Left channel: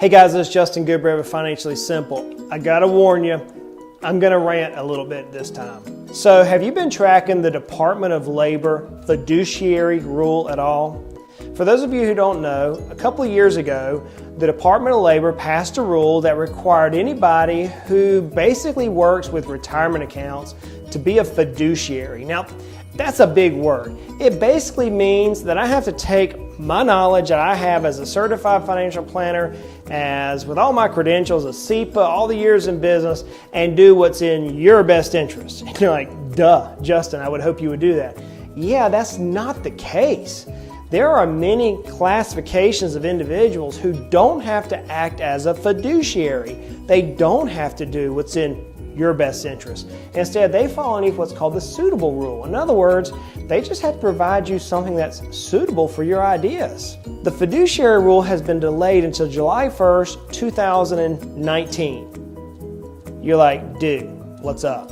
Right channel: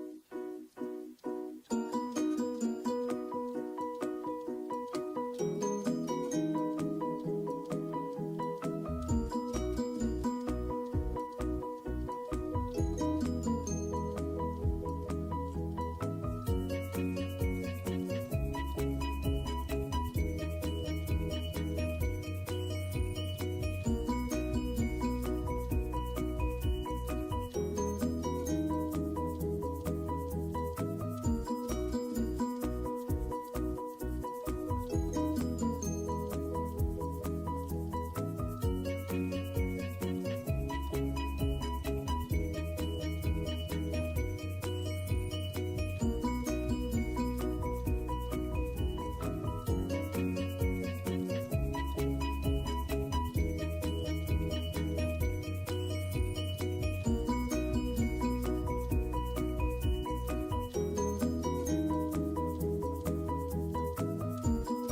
Hey guys, this is Justin Goodbread with Financially Simple. I gotta warn you, I'm gonna rant a little bit this time. So have you been tracking the Department of Labor fiduciary rule at all? For those of you who don't know, a couple of years ago, the Department of Labor passed a rule that required anybody who basically works with retirement accounts to be a fiduciary. Now, that's a big word. It basically means that I have to take my knowledge that I have as a certified financial planner, as with all my credentials, a CEPA, all the years in business, and do what's in your best interest. And you're like, duh, Justin, I would hope you would do that. Yeah, that's not the case. There are many classifications of individuals who don't have to act as a fiduciary. They don't have to do what's in your best interest. Instead, they fall underneath what's called the suitable rule. In other words, they just have to provide you something that's suitable for your ideas. The fiduciary rule has been delayed until July 1st, 2019. You're like, dude, what's up?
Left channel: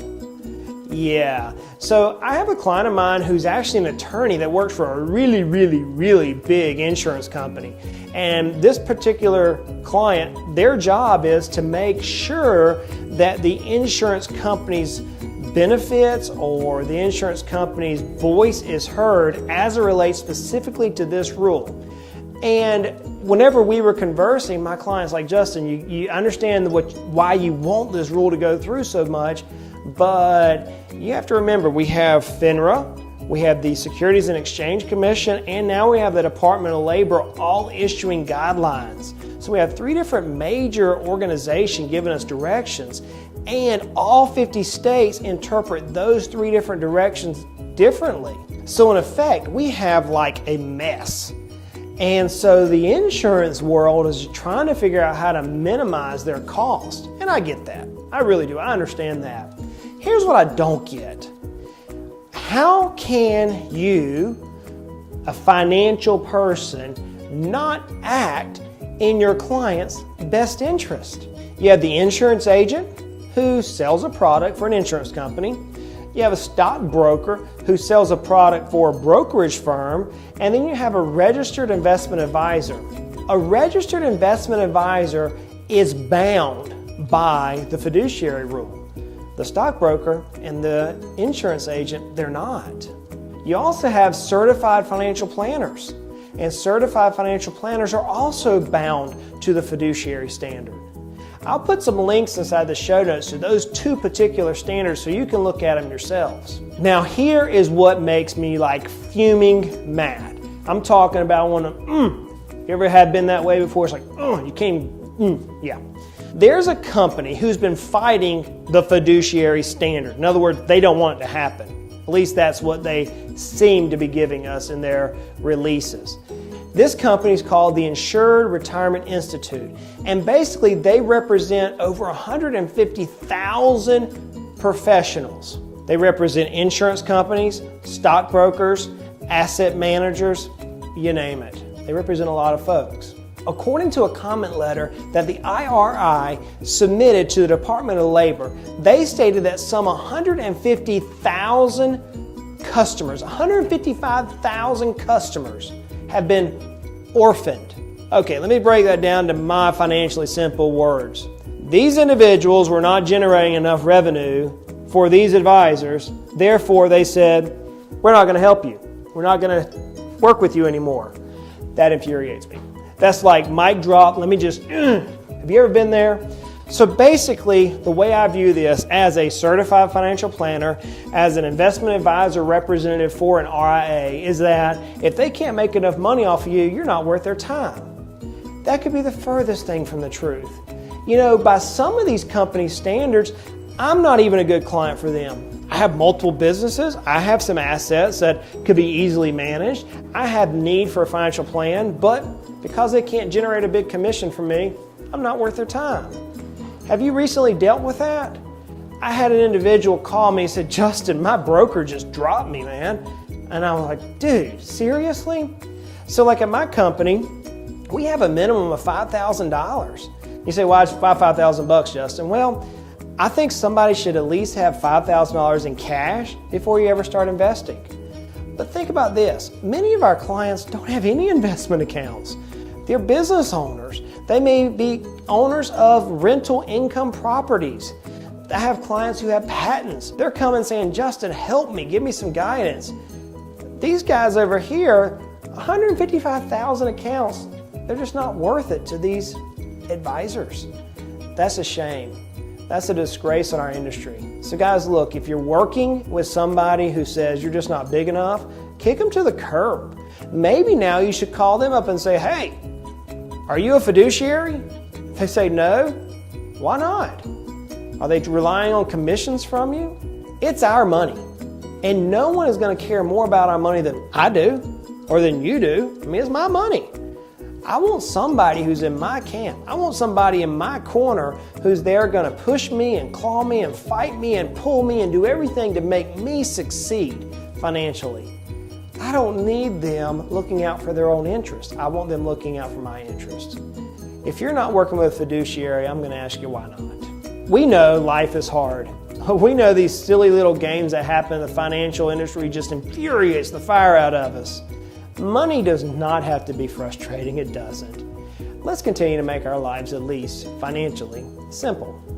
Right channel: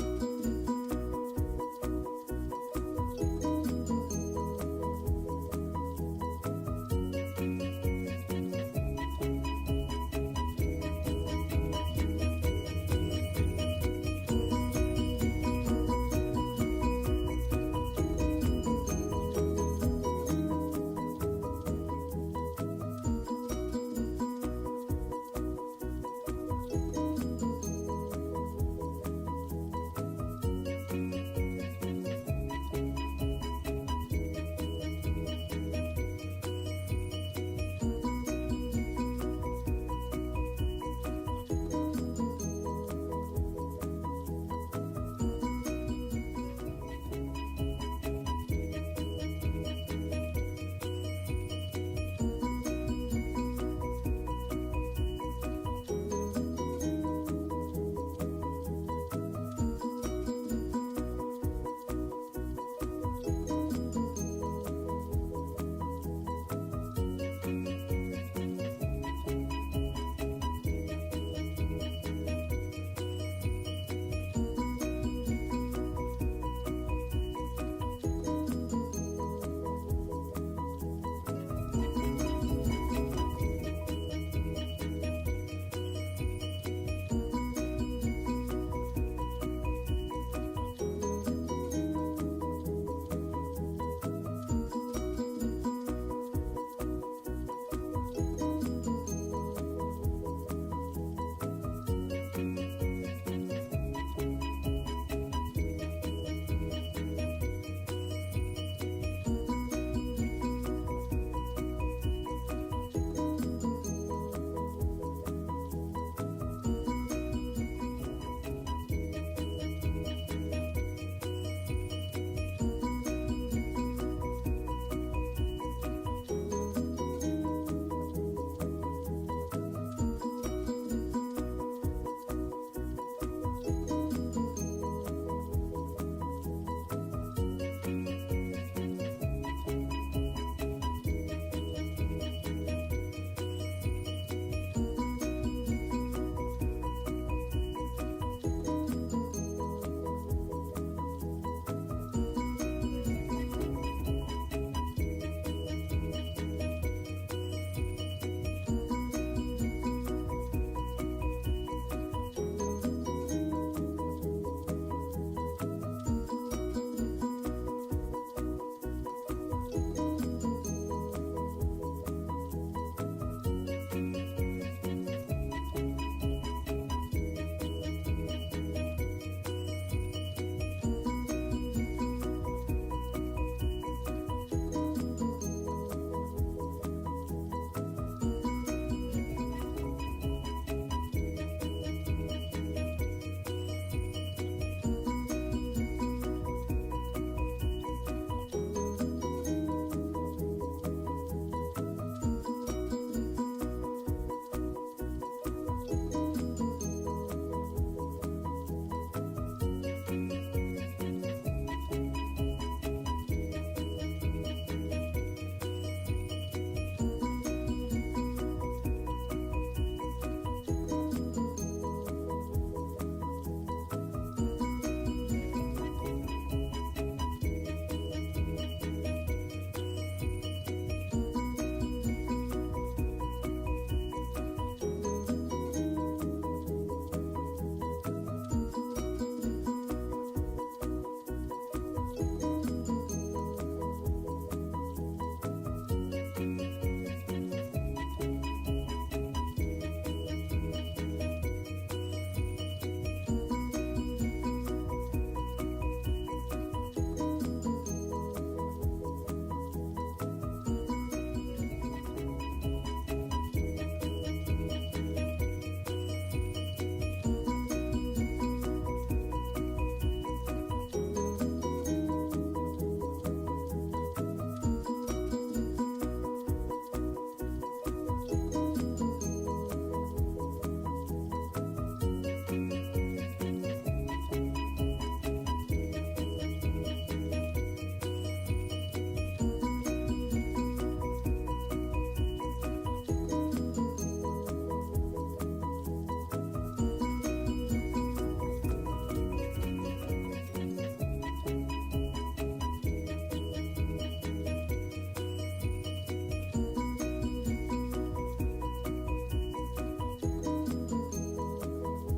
Yeah. So I have a client of mine who's actually an attorney that works for a really big insurance company. And this particular client, their job is to make sure that the insurance company's benefits or the insurance company's voice is heard as it relates specifically to this rule. And whenever we were conversing, my client's like, Justin, you understand why you want this rule to go through so much, but you have to remember, we have FINRA, we have the Securities and Exchange Commission, and now we have the Department of Labor all issuing guidelines. So we have three different major organizations giving us directions, and all 50 states interpret those three different directions differently. So in effect, we have like a mess. And so the insurance world is trying to figure out how to minimize their cost. And I get that. I really do. I understand that. Here's what I don't get. How can you, a financial person, not act in your client's best interest? You have the insurance agent who sells a product for an insurance company. You have a stockbroker who sells a product for a brokerage firm, and then you have a registered investment advisor. A registered investment advisor is bound by the fiduciary rule. The stockbroker and the insurance agent, they're not. You also have certified financial planners, and certified financial planners are also bound to the fiduciary standard. I'll put some links inside the show notes to those two particular standards so you can look at them yourselves. Now here is what makes me like fuming mad. I'm talking about one of you ever had been that way before? It's like, you can't, yeah. There's a company who's been fighting the fiduciary standard. In other words, they don't want it to happen. At least that's what they seem to be giving us in their releases. This company is called the Insured Retirement Institute, and basically they represent over 150,000 professionals. They represent insurance companies, stockbrokers, asset managers, you name it. They represent a lot of folks. According to a comment letter that the IRI submitted to the Department of Labor, they stated that some 150,000 customers, 155,000 customers have been orphaned. Okay, let me break that down to my financially simple words. These individuals were not generating enough revenue for these advisors, therefore they said, we're not going to help you. We're not going to work with you anymore. That infuriates me. That's like mic drop, let me just, have you ever been there? So basically, the way I view this as a certified financial planner, as an investment advisor representative for an RIA, is that if they can't make enough money off of you, you're not worth their time. That could be the furthest thing from the truth. You know, by some of these company standards, I'm not even a good client for them. I have multiple businesses. I have some assets that could be easily managed. I have need for a financial plan, but because they can't generate a big commission for me, I'm not worth their time. Have you recently dealt with that? I had an individual call me and said, Justin, my broker just dropped me, man. And I was like, dude, seriously? So like at my company, we have a minimum of $5,000. You say, why is $5,000, Justin? Well, I think somebody should at least have $5,000 in cash before you ever start investing. But think about this. Many of our clients don't have any investment accounts. They're business owners. They may be owners of rental income properties. I have clients who have patents. They're coming saying, Justin, help me, give me some guidance. These guys over here, 155,000 accounts, they're just not worth it to these advisors. That's a shame. That's a disgrace in our industry. So guys, look, if you're working with somebody who says you're just not big enough, kick them to the curb. Maybe now you should call them up and say, hey, are you a fiduciary? They say no. Why not? Are they relying on commissions from you? It's our money. And no one is going to care more about our money than I do or than you do. I mean, it's my money. I want somebody who's in my camp. I want somebody in my corner who's there going to push me and claw me and fight me and pull me and do everything to make me succeed financially. I don't need them looking out for their own interests. I want them looking out for my interests. If you're not working with a fiduciary, I'm going to ask you why not. We know life is hard. We know these silly little games that happen in the financial industry just infuriates the fire out of us. Money does not have to be frustrating. It doesn't. Let's continue to make our lives, at least financially, simple.